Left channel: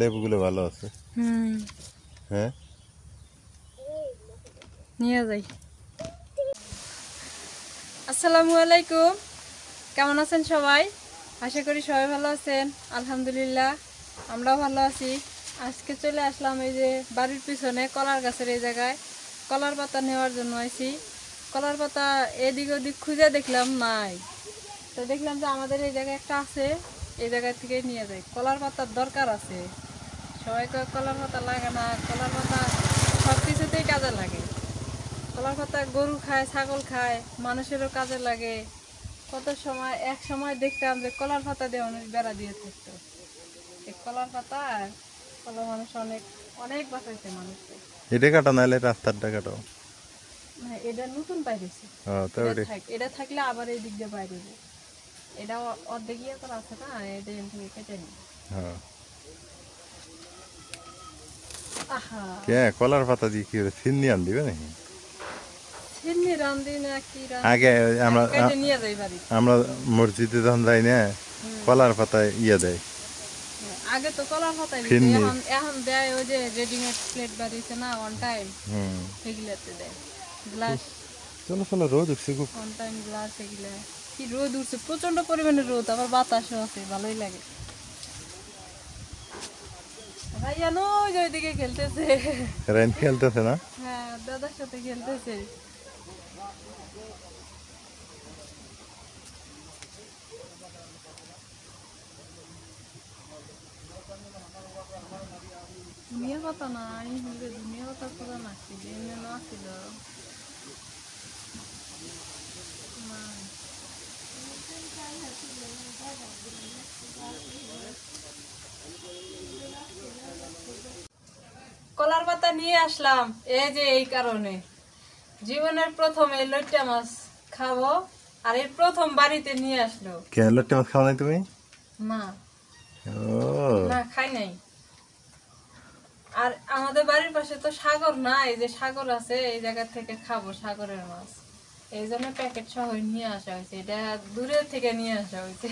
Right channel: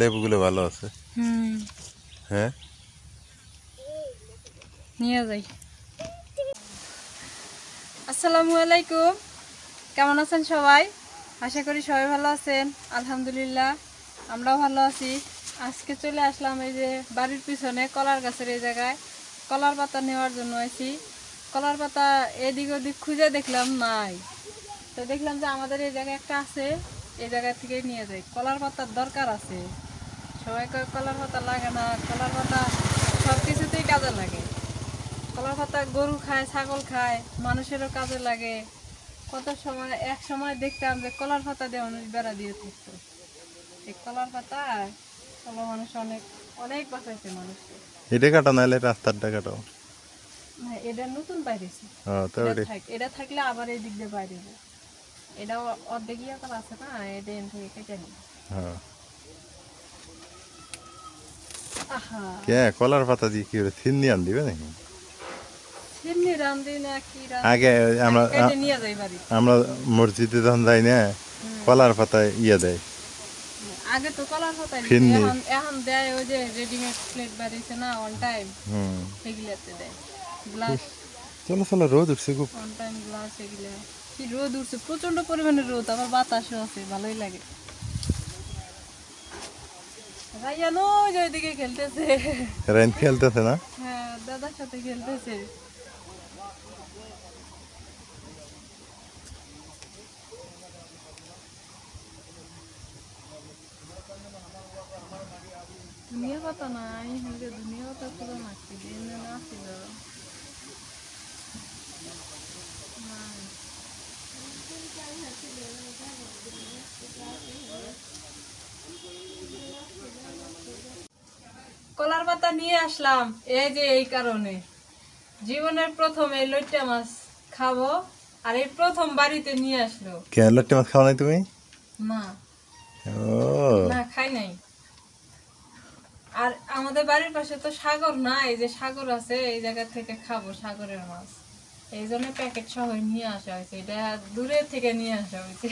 লেবুগুলো ভালো আছে। হ্যাঁ নিয়ে যাই। আসসালামু আলাইকুম, কেমন আছেন সবাই? আশা করি সবাই ভালো আছেন। আলহামদুলিল্লাহ আমরাও ভালো আছি। আজকে চলে আসলাম এই যে বাড়ির পিছনে কলার গাছের এই জায়গায় কলার পাতা নেওয়ার জন্য আইছি। কলার পাতা এদিক ওদিক খুঁজে দেখলাম নাই, তো দেখলাম যে আমাদের এই জায়গায় একটা আছে, এই জায়গা থেকে নিয়ে যাই। কলার পাতার দরকার আছে, সবাই কলার পাতা লাগে না, কলার পাতা সব কিছুতেই কাজে লাগে। কলার পাতা গরু খায়, ছাগল খায়, মানুষেরও কাজে লাগে। কত সময় এক সময় দেখতাম যে কলার পাতা দিয়ে মানুষ বেড়া দিয়ে থাকতো। এই কলার পাতা কলা মানুষ অনেক অনেক বাঁচাইছে মানুষকে। এটা কাটা নাইলে রাস্তাটা কাটাও। এটা নতুন বাইরেছে, এটা থাকলে আবার এই দিক দিয়ে বাইরে যায়। এটা অর্ধেক ইয়ে করা আছে না, এটা এখান থেকে কেটে নি। কলার পাতা দিয়ে কি করে ছিন্নি আন দিবে নাকি? আগে আমরা মসজিদে যখন যাই না, কলার পাতায় ইয়ে দেয়। আগে তো কলার পাতায় এখন দেয় ওই যে রেডিমেড প্লেট বাড়িছে না, অন টাইম সেগুলাতে দেয়। গ্লাস চলো চলো, রোদ উঠছে খুব। অন টাইম গ্লাস এগুলা কি রোদ উঠছে, প্রচন্ড পরিমাণে রোদ, আবার বাতাসও আছে, ভালোই লাগে। রাইয়ান ওই যে ওইদিকে খেলতেছে। রাইন খেলতেছে না? হ্যাঁ, দাদার সাথে খেলতেছে। দুনিয়া পাতা না, আমি হেলতে দুনিয়া পাতা পুরো নাচছি, এমনি না ছিল কলার পাতা নিয়ে আসলাম এই যে এই কারণে, জীবনের প্রথম এই লইট্টা মাছ খাবো, আর এই প্রথম বাড়িতে নিয়ে আসলো। কেন লইট্টা মাছ খাও নাই তুমি? না না, খাই নাই। আর আমাদের বাড়ির পাশে তো সাগর না, এই যে সাগর আছে, এই জায়গা থেকে খাবো সাগরের মাছ, এই জন্য প্যাকেট সহ নিয়ে আসা হয়েছে। এটা দূরে থেকে নিয়ে আসা হয়েছে।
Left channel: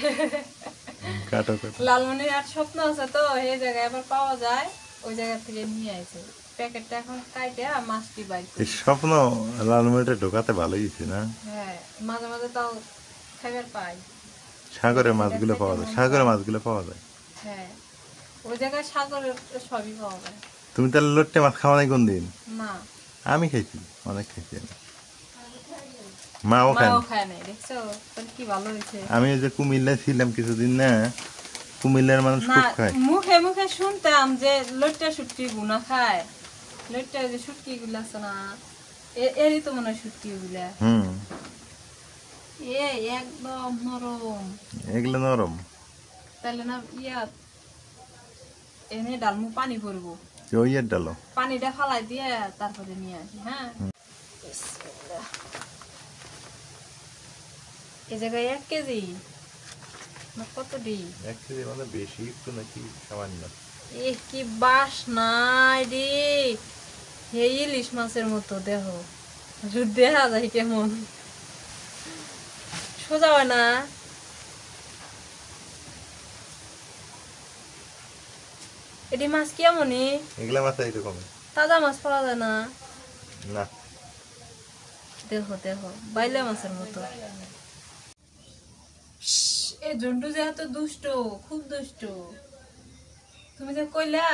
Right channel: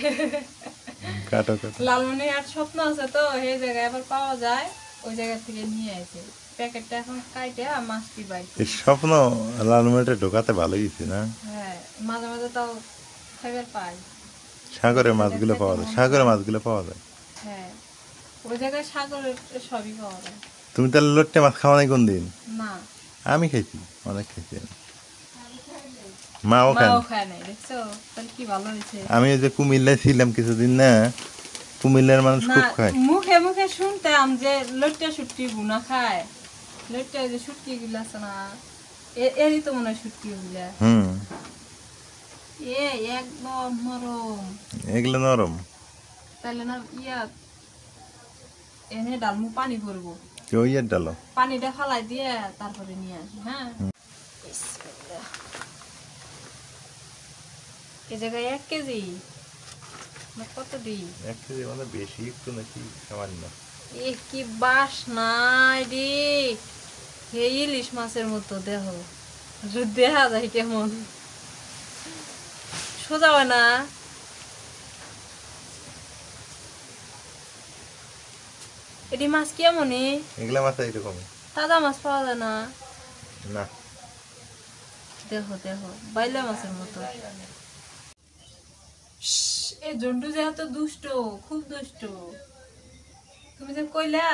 লালমনিরহাট স্বপ্ন আছে তো, এই জায়গায় আবার পাওয়া যায়, ওই জায়গা থেকে নিয়ে আসে। প্যাকেটটা এখন কাইটে মাছটি বাইর করি। স্বপ্ন লালমনিরহাটে ঢোকাতে ভালোই হয়েছে না? হ্যাঁ, মাঝে মাঝে তাও খাবার পাই। সাগরের মাছগুলো পাওয়া যায়, সাগরের মাছগুলো পাওয়া যায়। হ্যাঁ, ওই জায়গায় সাগরের সবই পাওয়া যায়। তুমি তাহলে লইট্টা মাছ খাওয়া নাই কোন দিন? না, আমি খাইছি, অনেক খাইছি আমি। মাও খায় নাই, দেখছো তাহলে কি ভালো হয়েছে। আমি যে কুমিল্লায় ছিলাম কিছুদিন না, কুমিল্লার মানুষ খুব খায়। মুখে মুখে শুনতাম যে লইট্টা শুটকি গুনা খায়, লইট্টা যে শুটকি গুলা আছে না, এরই তো মনে হয় শুটকি গুলা। একদম নরম, এগুলো নরম। তাহলে না এনে ডালমু, পানি ভরবো, ডালো, পানিটা ফালাই দিয়ে তারপরে নিয়ে আসি। হ্যাঁ, এই জায়গায় 1 কেজি কত দিই? 1 কেজি মানে বেশি একটু নাকি সামান্য? কি বাস নাই রে, এই ইলিশ মাছের মতো দেহ, দেখা যায় কেমন, সোজা হয় না। এটি মাছ কেমনই? এগুলা মাছ এরকম তাজা মাছ পাওয়া যায় না? না, দেখো দেখো, বাইলা মাছের মতো। এই জন্টু যেহেতু দুষ্ট, খুব দুষ্ট। তুমি যে কইলা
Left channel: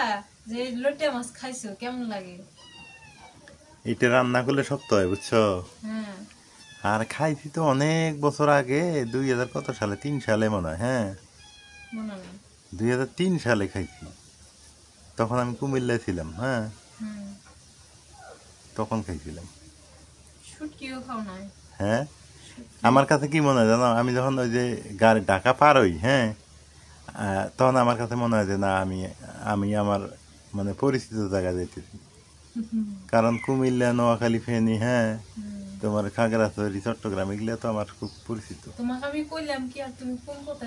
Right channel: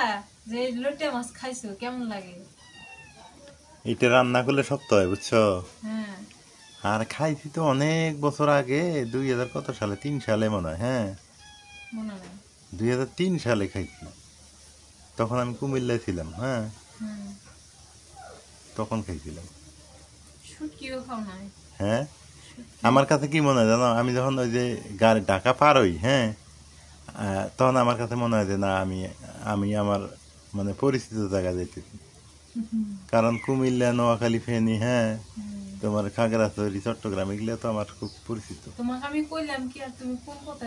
যে লইট্টা মাছ খাইছো, কেমন লাগে? এটা রান্না করলে শক্ত হয়, বুঝছো? হ্যাঁ, আর খাইছি তো অনেক বছর আগে, 2000 কত সালে, 3 সালে মনে হয়। হ্যাঁ, মনে নেই, 2003 সালে খাইছি। তখন আমি কুমিল্লায় ছিলাম। হ্যাঁ, তখন খাইছিলাম। শুটকিও খাও নাই? হ্যাঁ, আমার কাছে কি মনে হয় জানো, আমি যখন ওই যে গাড়ি ঢাকা পার হই, হ্যাঁ, তখন আমার কাছে মনে হয় যে না, আমি আমার মানে পরিচিত জায়গা যাইতেছি। কারণ কুমিল্লা, নোয়াখালী, ফেনী, হ্যাঁ, তোমার খাগড়াছড়ি, চট্টগ্রাম, এগুলো তো আমার খুব পরিচিত। তোমাকে আমি কইলাম কি, আর তুমি কোন কথা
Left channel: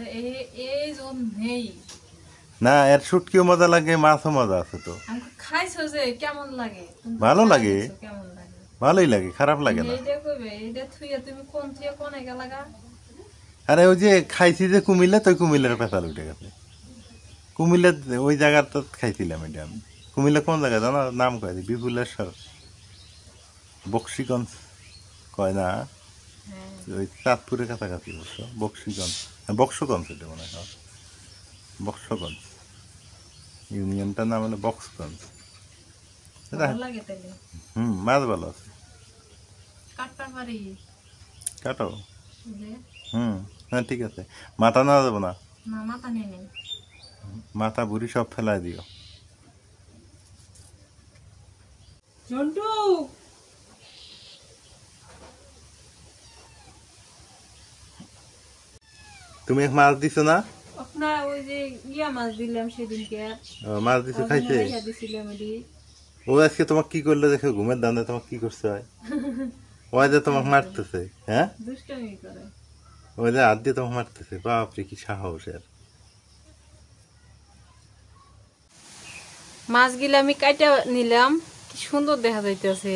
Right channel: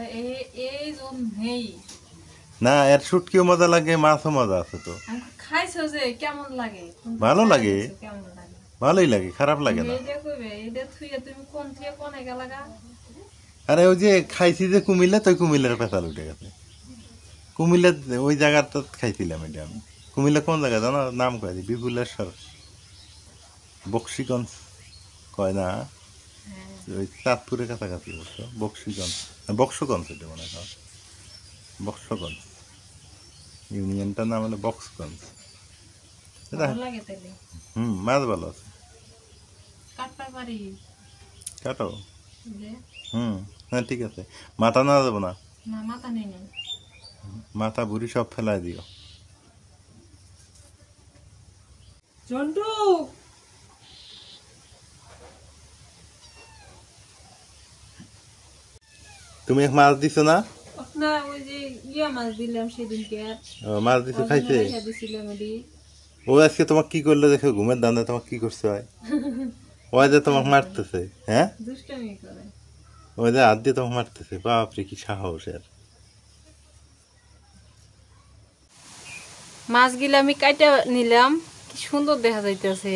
এই জন্যই না, এর শুটকিও মজা লাগে, মাছও মজা আছে। তো খাইছো যে কেমন লাগে? ভালো লাগে, কেমন লাগে? ভালোই লাগে, খারাপ লাগে না। এইটা কইবে, এইটা থুইয়া তুমি কোন থুইয়া কোনে গেলাগা? আরে ওই যে খাইছি যে কুমিল্লা, তো কুমিল্লার পেঁচাল উঠে গেছে। কুমিল্লার ওই জায়গাটা খাইছিলাম এটা আমি। কুমিল্লা কোন জায়গা জানো? নাম কয় দি বিপুলেশ্বর, বক্সিগঞ্জ কয় না, ওই চাঁদপুরের কাছাকাছি অবশ্য। বক্সিগঞ্জ, বক্সগঞ্জ, এটা মনে হয় বক্সগঞ্জ। ইউনিয়নটার নাম হলো বক্সগঞ্জ। মাছ ভালো আছে, কাটো। হ্যাঁ ঠিক আছে, মাথা না যাবো না, মাথা বুড়ি সব ফেলাই দিও। তুমি মাছ দিছো না? না, ওই যে মাছ দিলাম সেদিনকে। মাছ দিছো, খাইছে? ও আজকে তোমাকে কি করলো দেখো, ঘুমের দান্দা তোমাকে কি করছে হয়? ওই যে তোমাকে মারতেছে, হ্যাঁ দুষ্টামি করে, ওই যে হাত দিয়ে তোমাকে মারতেছে। বাপরে কি সাহস এর! মাছগুলো আমি কাইটা নিলাম, কি সুন্দর দেখা যাইতেছে।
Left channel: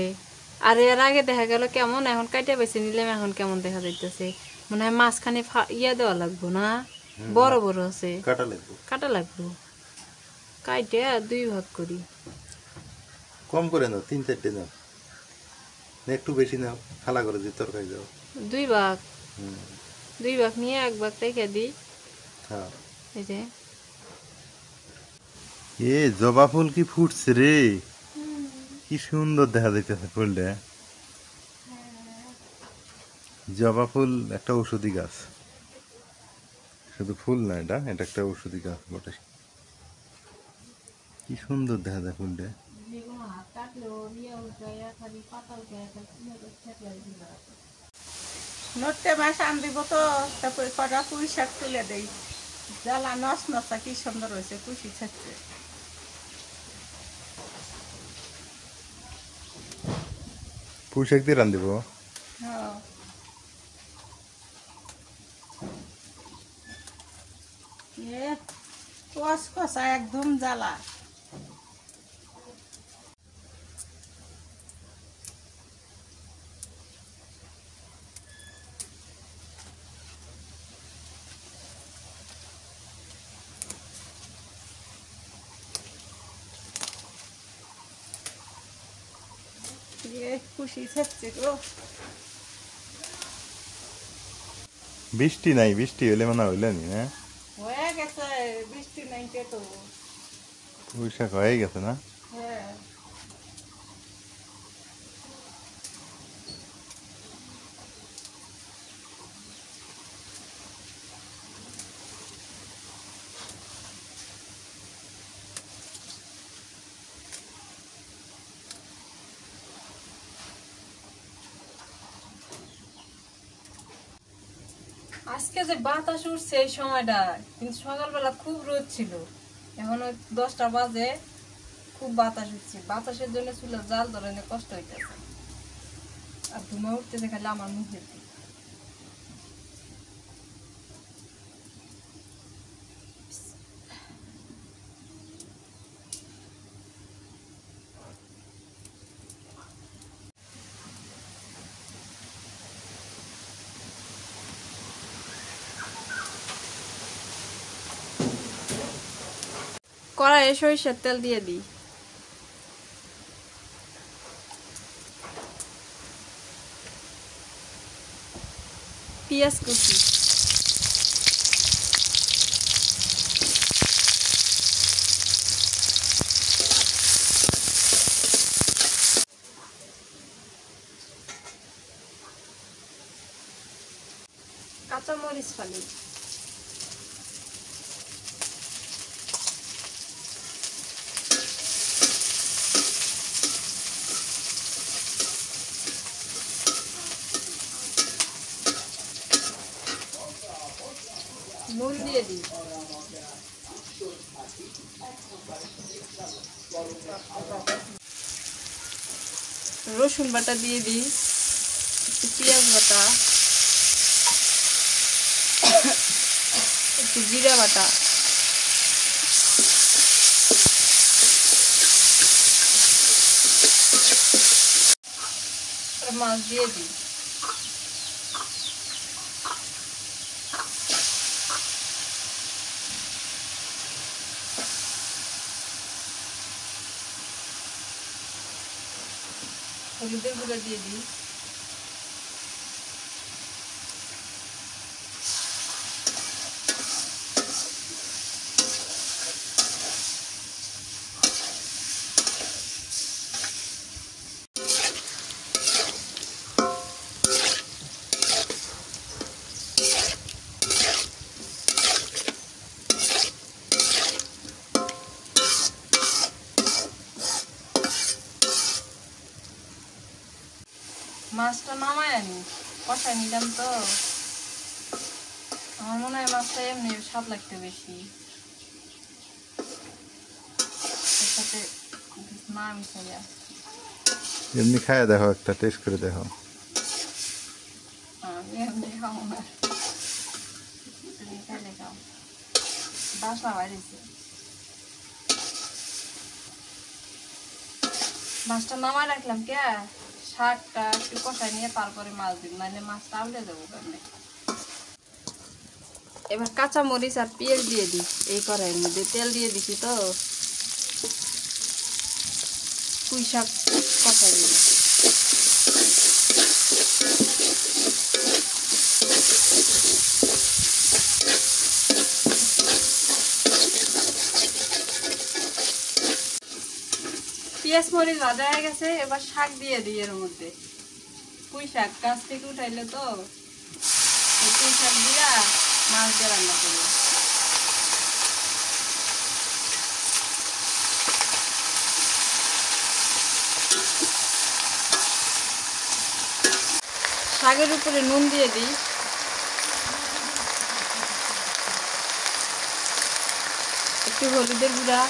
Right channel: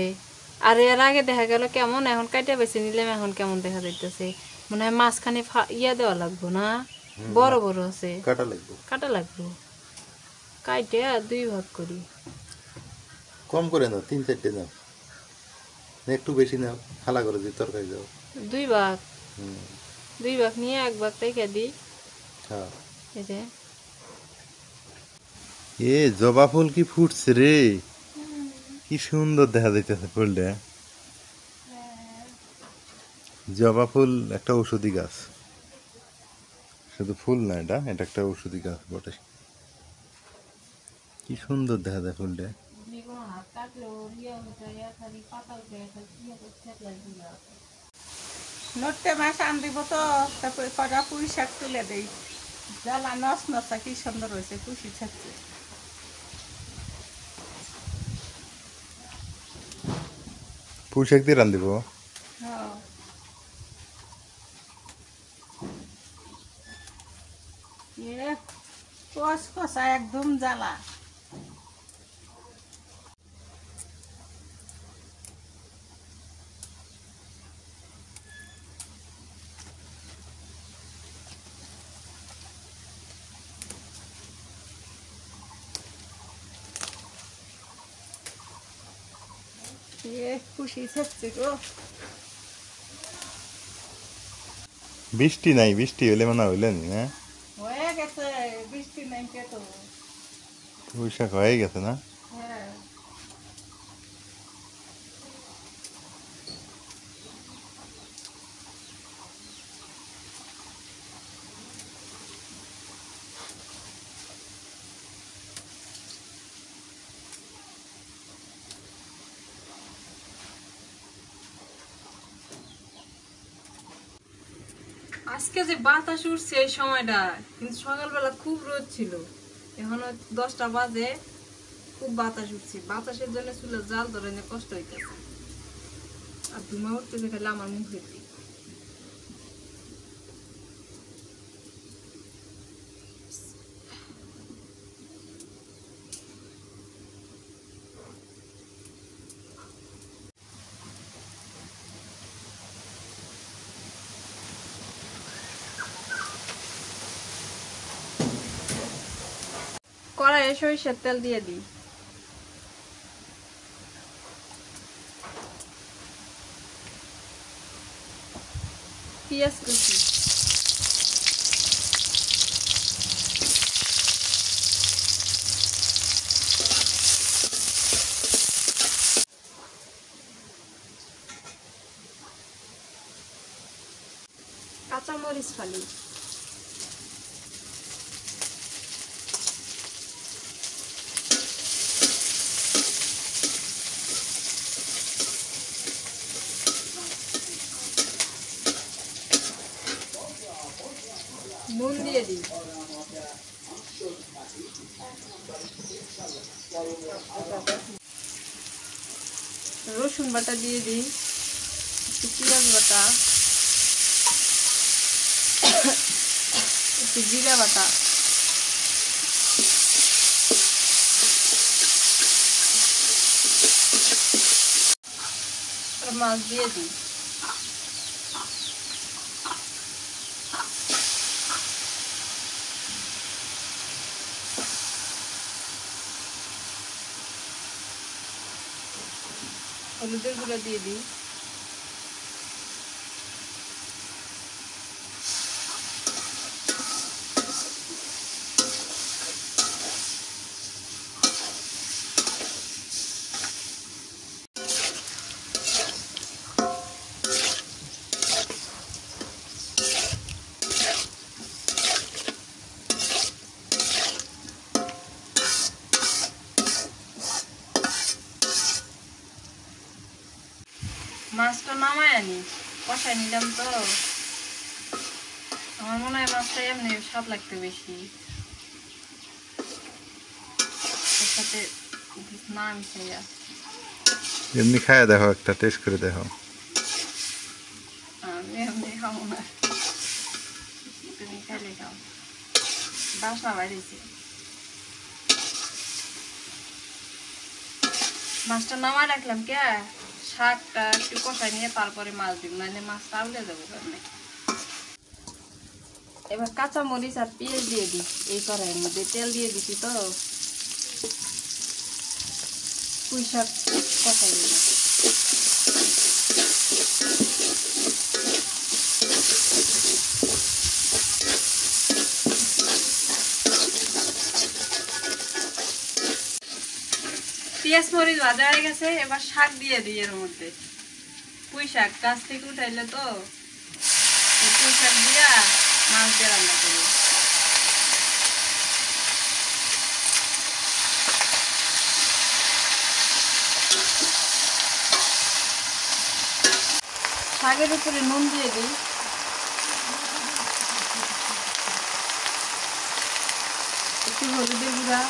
আর এর আগে দেখা গেল কেমন, এখন কাইটা বেছে নিলাম, এখন কেমন দেখা যাইতেছে। মনে হয় মাঝখানে দেওয়া লাগবো না, বড় বড় আছে, কাটা লাগবো। কাইটা 2 ভাগ করি। কম করে নাও, 3-4টে নাও, একটু বেশি নাও, খালা করে দিয়ে তরকারি দাও। 2 ভাগ, 2 ভাগ নিয়ে 1 ভাগ রেখে দিই। হ্যাঁ, এই যে এ জবা ফুল কি ফুটছে রে, কি সুন্দর দেখা যাইতেছে ফুলটা। জবা ফুল একটা ঔষধি গাছ, শুধু ফুল না, এটা এটা একটা ঔষধি গাছ বটে। কি সুন্দর দেখা যায় ফুলটা। নটে মাছ আন দিব তো, তারপরে কটা পুঁই শাক তুলে দেই। জ্বালা নস নসা কি সুন্দর হয়েছে, খুশি থাকছে। পুঁই শাক দিয়ে রান্ধিব। হ্যাঁ, কষ কষা একদম জ্বালা। খুশি থাকছে গো। বৃষ্টি নাই, বৃষ্টি হইলে মানে হইলে নি, হ্যাঁ হয়ে গেছে, বৃষ্টি নাই কে তো। পুঁই শাক হয়ে গেছে না? হ্যাঁ, আজকে যে বাতাস উঠছে এই সময়টা, কিন্তু সকালবেলা খুব রোদ ছিল, এখন 10টা বাজে, খুব বাতাস উঠছে। বাতাসের জন্য চুলের জাল ধরে কষ্ট হইতেছে, আর ধুমা উঠতেছে খালি আমার মুখের দিকে। কড়াইয়ে সরিষার তেল দিয়ে দিই। পেঁয়াজ কুচি, কাঁচামরিচ ফালি, নুন দিয়ে দিই, রসুন বাটা দিয়ে দিই, একটু পেঁয়াজ বাটা, একটু জিরা বাটা, মাছ দিয়ে দিই। হলুদের গুঁড়া দিয়ে দিই, মাছটা নামায় আনি কষাই নিলাম তো। আমার মনে হয় মাছটা এমনি স্বাদ লাগতে বেশি, এর সাথে না মিশাইয়া। এমনি খাইয়া দেখো, একটা টেস্ট করে দেখো। আমি এমনি খাবো না, তুমি খাইলে খাও। বাসনা বাড়িয়েছে, মাছটা নামায় রাখলাম কে, শাকটা একটু কষাই নিয়ে তারপরে মাছ দিব, নাহলে মাছটা আউলে যাবো কেমনে। এবার কাঁচা মরিচ আর পেঁয়াজ দিয়ে দিই এই কড়াইয়ের মধ্যে, তেল দিয়ে দিছি তো। পুঁই শাক কষাই দিব, পেঁয়াজ মরিচ ভাজা হয়ে গেছে। এবার শাক দিয়ে দিই এর মধ্যে, পুঁই শাক গাছ থেকে উঠাইলে তো, পুঁই শাক দিয়া মাছ দিয়ে রান্না করবো। শাকের উপরে নুন দিয়ে দিই, একটু হলুদের গুঁড়া,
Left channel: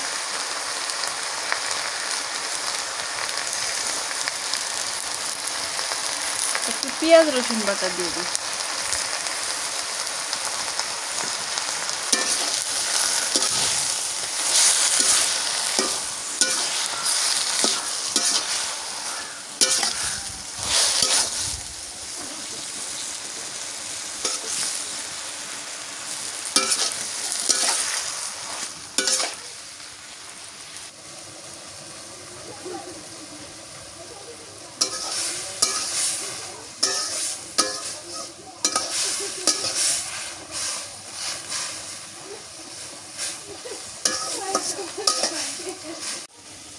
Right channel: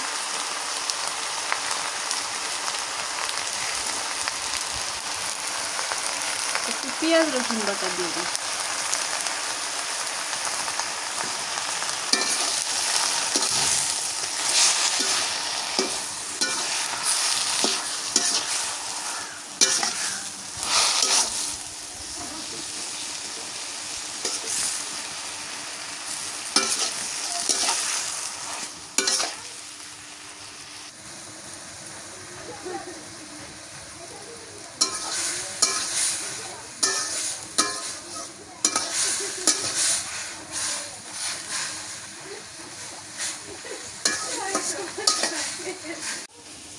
একটু পেঁয়াজ রসুন বাটা দিয়ে দিই,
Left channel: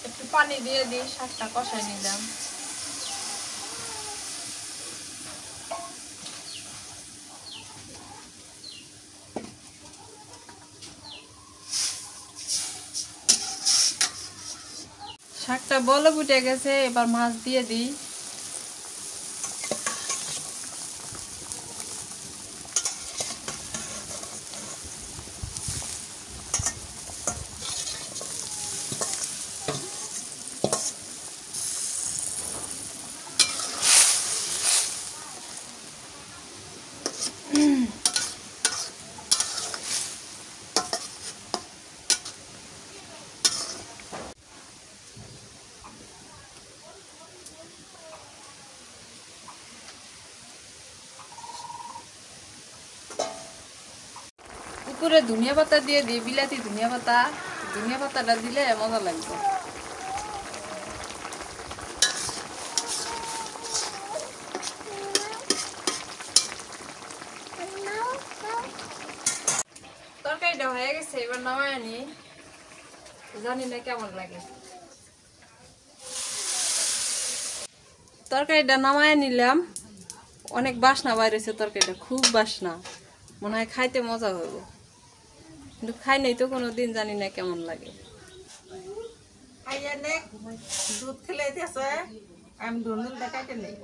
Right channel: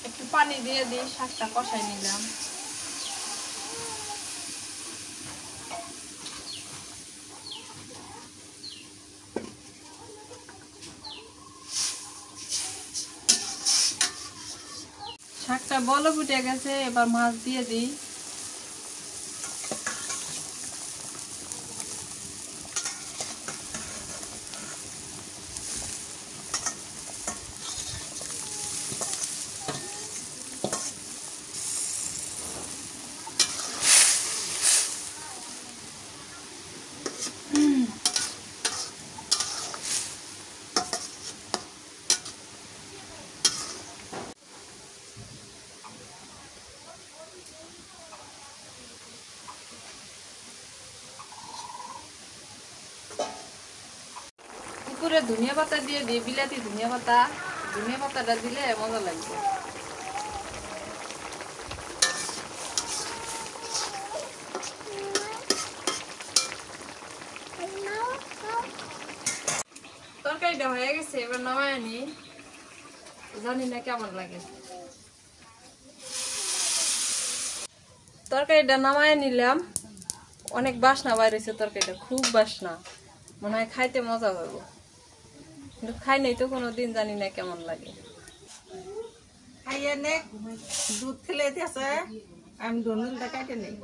একটু পানি দিয়ে দিই, শাকটা কষাই নিলাম। শাকটা বলক উঠে গেছে, এবার মাছ দিয়ে দিই। উপরে ধনিয়া পাতা দিয়ে দিই, বিলাতি ধনিয়া পাতা। ধনিয়া পাতাটা দিলে মজা লাগবে। তরকারিটা হয়ে গেছে, এবার নামায় আনি। জানি না কেমন লাগে। তরকারিটা নামায় নিলাম, অনেক বাসনা বাইরেছে তরকারিটা, খুব বাসনা, মনে হয় খাইতে মজা হবে, কিন্তু খাই নাই তো কোনোদিন, জানি না কেমন লাগে। খাইয়ে নে, দুধ খেলে দিয়েছে, আমি ধনুলটা কাটে নেই।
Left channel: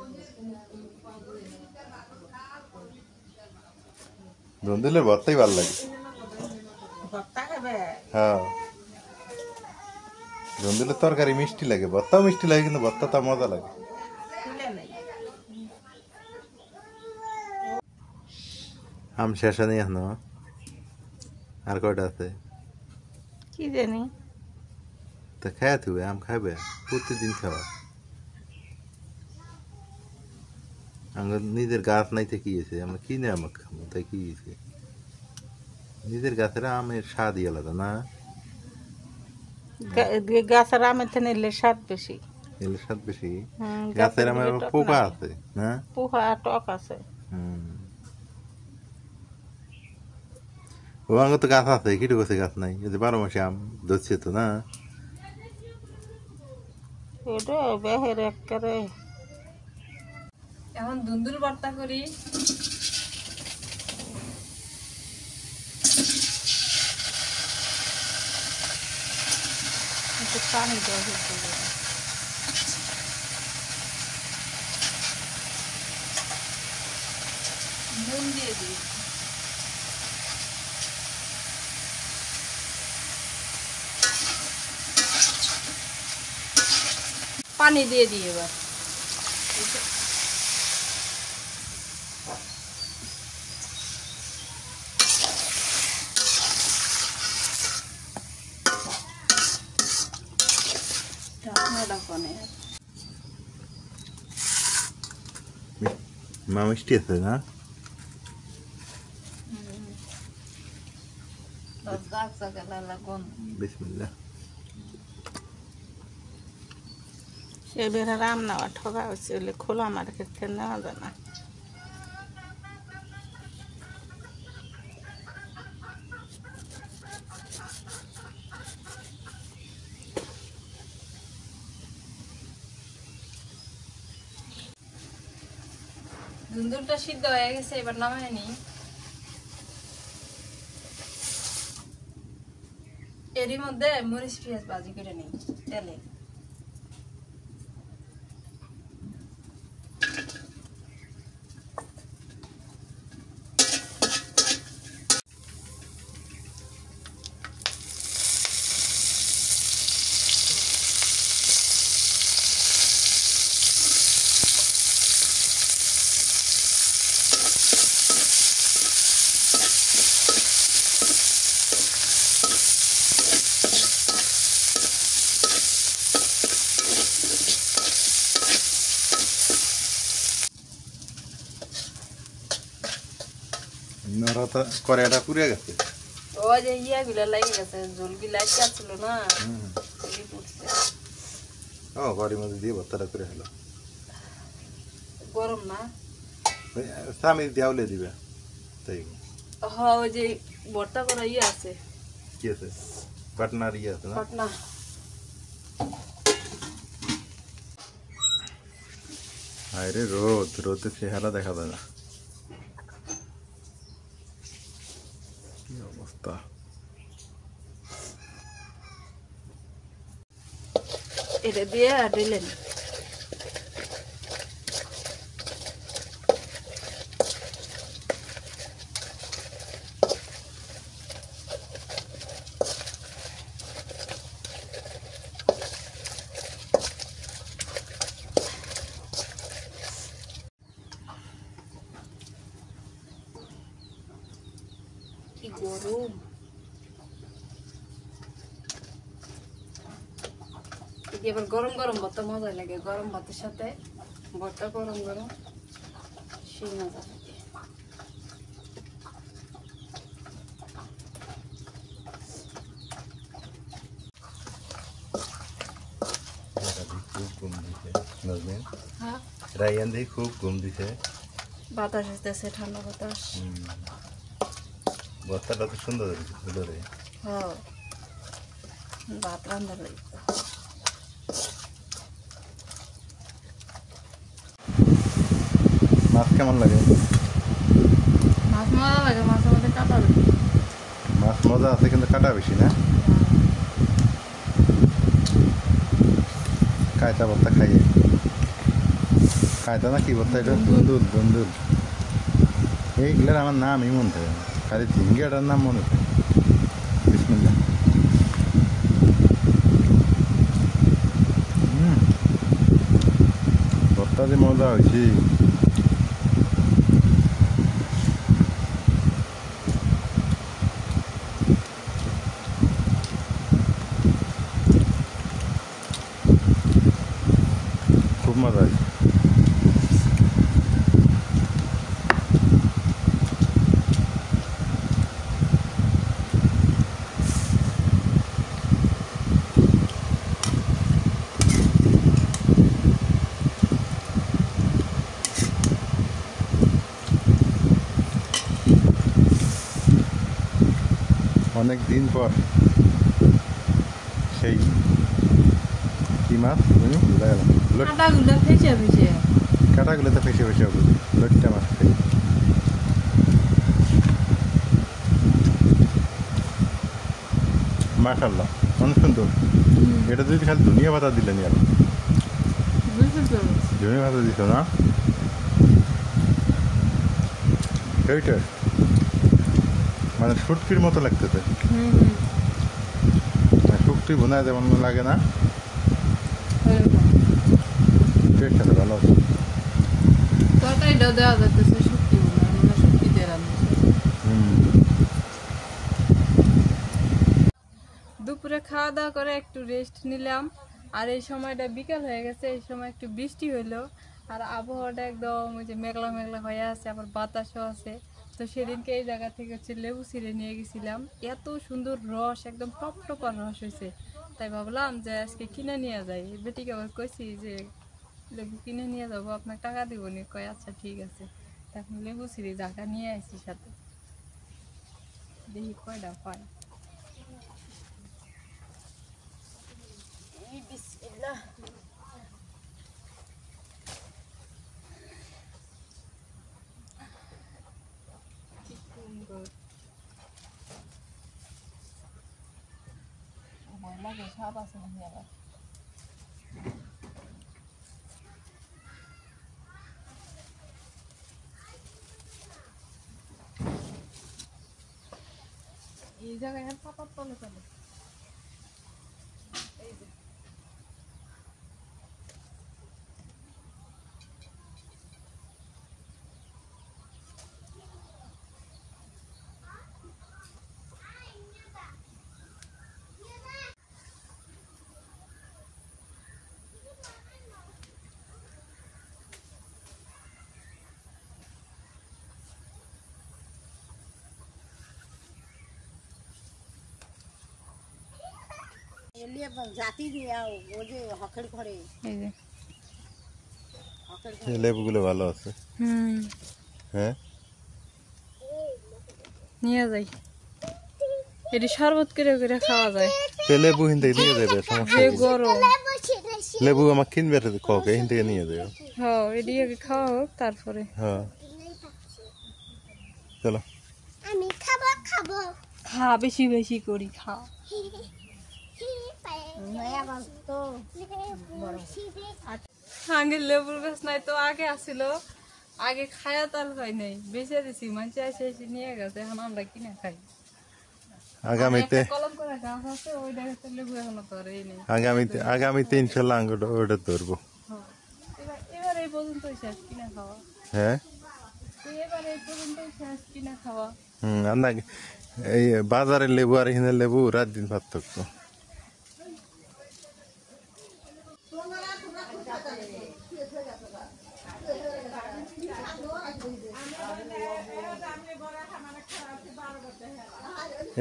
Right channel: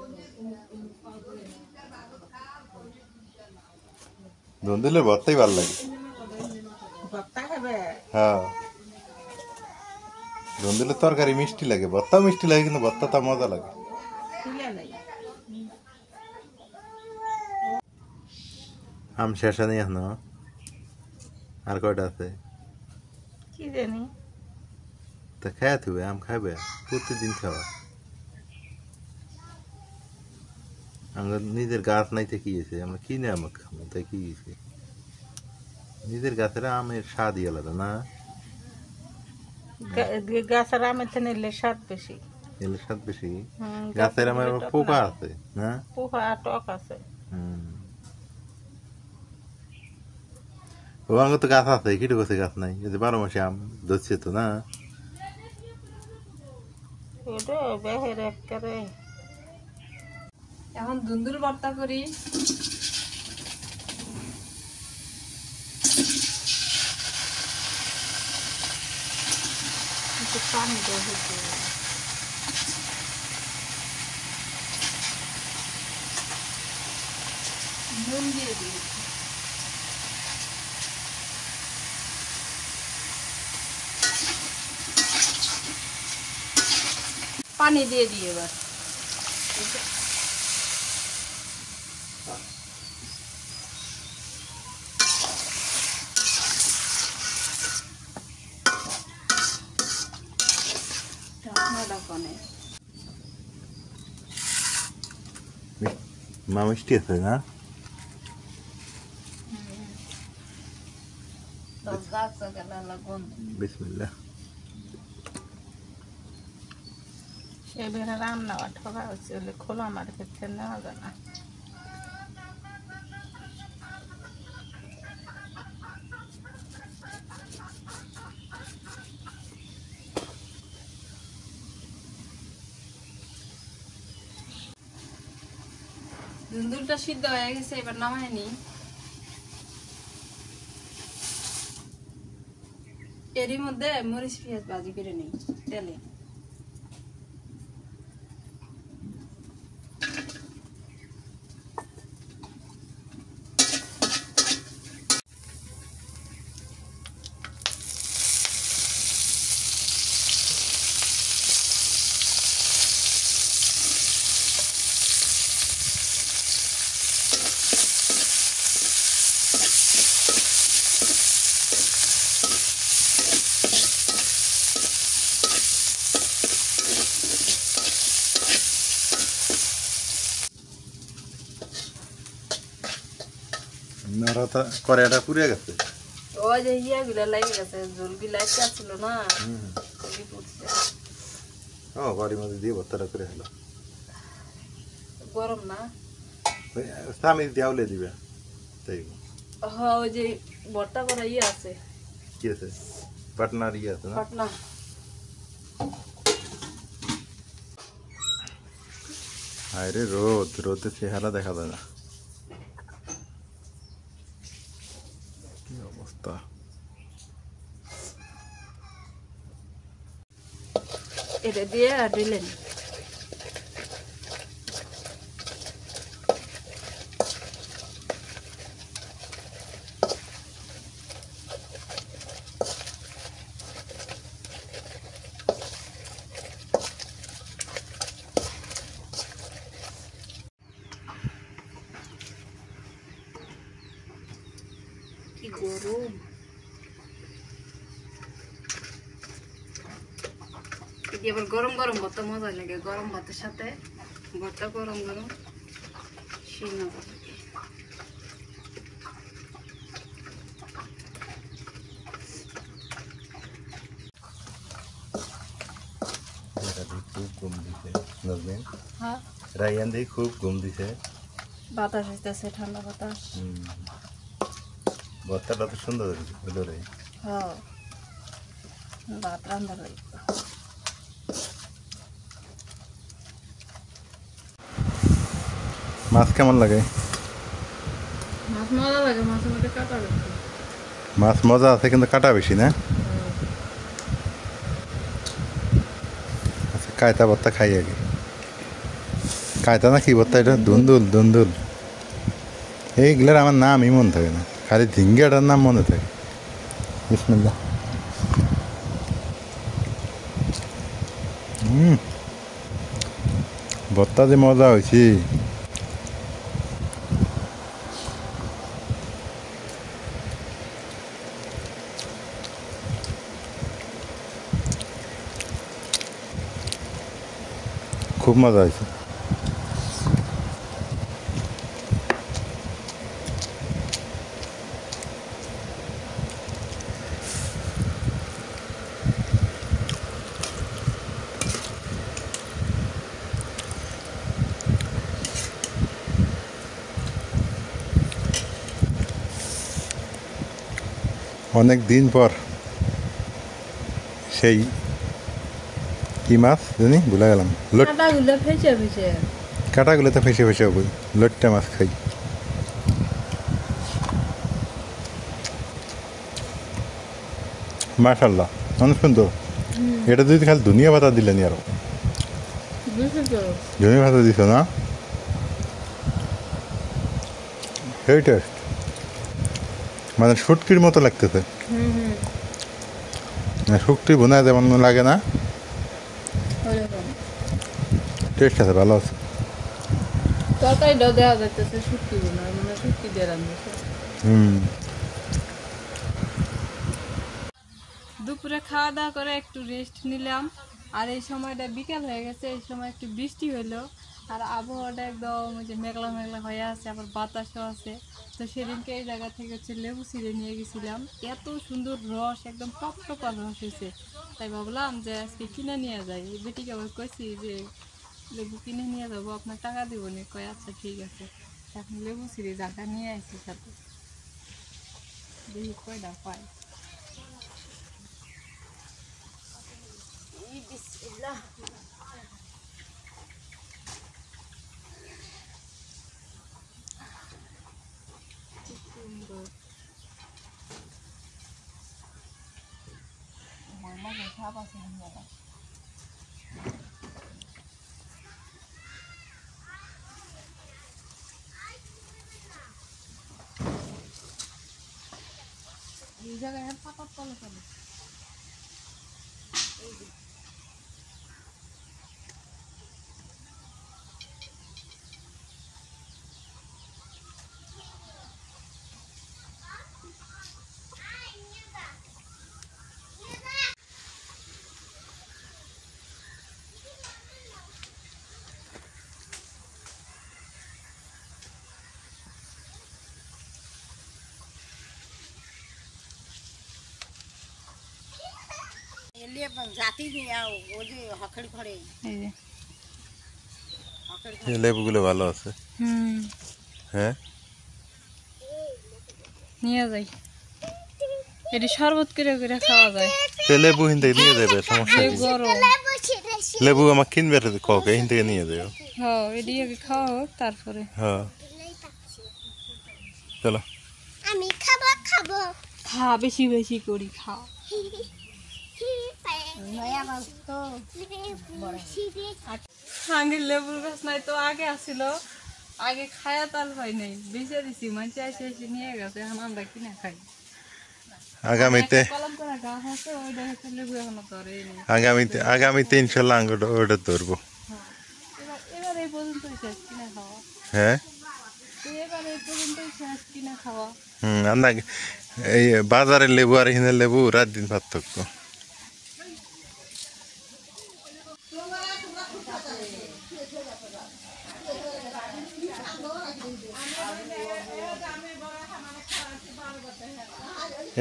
ধুন্দুলের ভর্তাই ভালো লাগে। ভর্তা খাবে? হ্যাঁ, ধুন্দুলের তরকারি মিষ্টি লাগে, ভর্তাও মিষ্টি লাগে, কিন্তু ভর্তাটা মজা লাগে। তুলে নেই। আম শেষ নেই এখনো, আর কয়টা আছে? কি জানি। তা খাইয়া থুবে, আম খাইবে, প্রতিদিন খাওয়া। আমরা নিজের গাছ নাইতে কি হয়েছে, আমরা কিনে আম খাবো, তাই কি হয়েছে? নিজের গাছের আমের স্বাদই আলাদা না? গাছের আমের থেকে নিলে স্বাদ বেশি। এলের স্বাদ বেশি। হুম, গাছের আমার গাছের টক পোকা নাই। আছে না? পোকা টক আছে। ও আঙ্গ তো গাছ আছে, কিটু গাছে গাছ নাই, এই যে 12 মাসে আম ধরছে তো না? এটা বেহের একেবারে এখন দুন্দুল ভর্তা করি। একটু পানি দিয়ে দিতে হবে। নুন দিয়ে দিই। পানি দিয়ে দিই এবার। ঢাকনাটা কোনে মা মিষ্টি আছে না? বাস গাছ লাগালা গন্ধ। বিসমিল্লাহ। সে বেড়া রান্না বা ঠকা হচ্ছে বলে খোলা মার্কেট থেকে নেওয়া যায় না। দুন্দুলটা সিদ্ধ হয়ে গেছে, এবার নামায় নি। এরই মধ্যে মরিচ পেঁয়াজ ভাজি করে নিই তেলে। নরাটা কড়াইটা পুড়ে গেছে। ওই যে ইয়াগুলা লেগে গেছে, ঝোলগুলা ছিল না, ওই পুড়ছে। ও বাড়ির মধ্যে দিয়ে ভর্তাটা করে হলো। গরম না? স্বামী দেওয়ালে দিবে তাই? হ্যাঁ, ওই যে ভর্তা করা ইয়ে আছে, কি আছে? পাটনার ইয়ে আছে না? পাটনা। আরে রোদ, রোদে চেহারা দেখা যায় না। কি অবস্থা! এটা দিয়ে দিলেন। কি গরম! এটি আবার গরম গরম ভর্তা মজা লাগে, গরম ভাতের সাথে ভর্তা গরম গরম সেই মজা লাগে। খুব ঘুম দিছে নাজমিন, হ্যাঁ, রায়ান দিয়ে খুব ঘুম দিছে। বাতাস আসতেছে, ঠান্ডা বাতাস। ভর্তাটা তো সুন্দর হলো রে। হ্যাঁ, ভাত রান্না লাগবে। মাছ কেমন লাগে? মাছ মজা লাগে, মাছ আমাদের কাটা লাগে। মাছ মজা আছে কিন্তু কাটা বেশি না? কায়তা ভর্তা খাইয়ে, কায়তা না কি ভর্তা এটা? দুন্দুল, দুন্দুল। এইগুলোর আমার নামই মনে থাকে না, খালি ঝিঙ্গাটার নাম মনে থাকে। বিসমিল্লাহ। ভর্তা যে মজা হয়েছি! খুব মজা আছে। অনেক দিন পর সেই কি মাছ জানি ভুলে গেলাম কাঁটাগুলো ফেঁচে ফেঁচে কাঁটাগুলো তো ফেসে ফেসে হবে লট্টা মাছ খাই মাশাল্লাহ অনেক সুন্দর এটা যদি খালি ধনিয়া পাতা দিলেন আর ধনিয়া পাতা দিছ না এই টেস্ট মানে শুটকির মতো লাগতেছে শুটকি বোনায় যেমন লাগে না টেস্ট আছে ভালো আছে তরকারিটা দেওয়া যাচ্ছে শুটকি শুটকি দিয়ে রান্না দুপুরে খাওয়া দাওয়া করে একটু রেস্ট নিলাম আর এই সময়টা বিকাল হয়ে গেছে এই সময় একটু বৃষ্টি হইলো আর আবহাওয়াটা একদম ওই যে মেঘলা মেঘলা হয়ে আছে আবার বাতাসও আছে তো সেদিনকে এই জায়গা থেকে হচ্ছে লেবু ছিঁড়ে নিয়ে গেছিলাম এত সুন্দর রস একদম টপটপার রস হয়েছে তাই ভাবলাম যে আজকে কিনে নিয়ে যাই বেটিকে আবার কইছি যে লেবু কিনে নিয়ে যাবো আপনার টাকা দিব নি কয় আচ্ছা ঠিক আছে এখন লেবু ছিঁড়ে জায়গা নিয়ে আসছি সাথে দেখি কয়টা পাই এই জায়গায় পাতার তলে তলে জাতি দিয়া ও যে হকড়ি ঘরে এই যে লেবুগুলো ভালো আছে হ্যাঁ নিয়ে যাই এটি শরবত করে করে খাওয়া যায় সে লেবু হিন থেকে নিয়ে যাবে সমস্যা যে কি গরম লেবু আমার কিনবে কক হিন থেকে নিয়ে যাবে হ্যাঁ এটি আগে খাওয়া হোক তারপরে হ্যাঁ চলো আমি খাবো খাবো খা বেশি বেশি করি খা আগে লেবুর গাছ নাই তো আগে আসছিল আগে খায়া তাল হয় নাই বেঁচে দিছি মানুষ এসে এসে নিয়ে গেছে এখন আমরা কিনে খাই আগামীতে কলম করে গাছ আছে ওইটা হচ্ছে লেবু এখনো ধরে নেই আগামীতে ইনশাল্লাহ ওটা ধরবো এবার এই পর্যন্তই শেষ কিনে খাওয়া হ্যাঁ এবার এই পর্যন্তই শেষ কিনে খাওয়া এই বাজারের লেবু আর হিনের লেবু রাত দিন পার্থক্য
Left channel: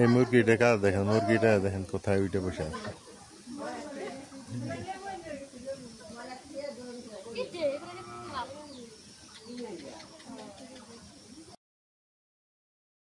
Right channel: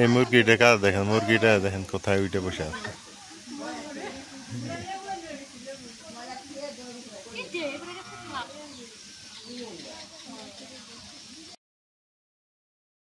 এই মুরগিটা কাজ দেখেন মুরগিটা দেখেন কোথায় উঠে বসে আছে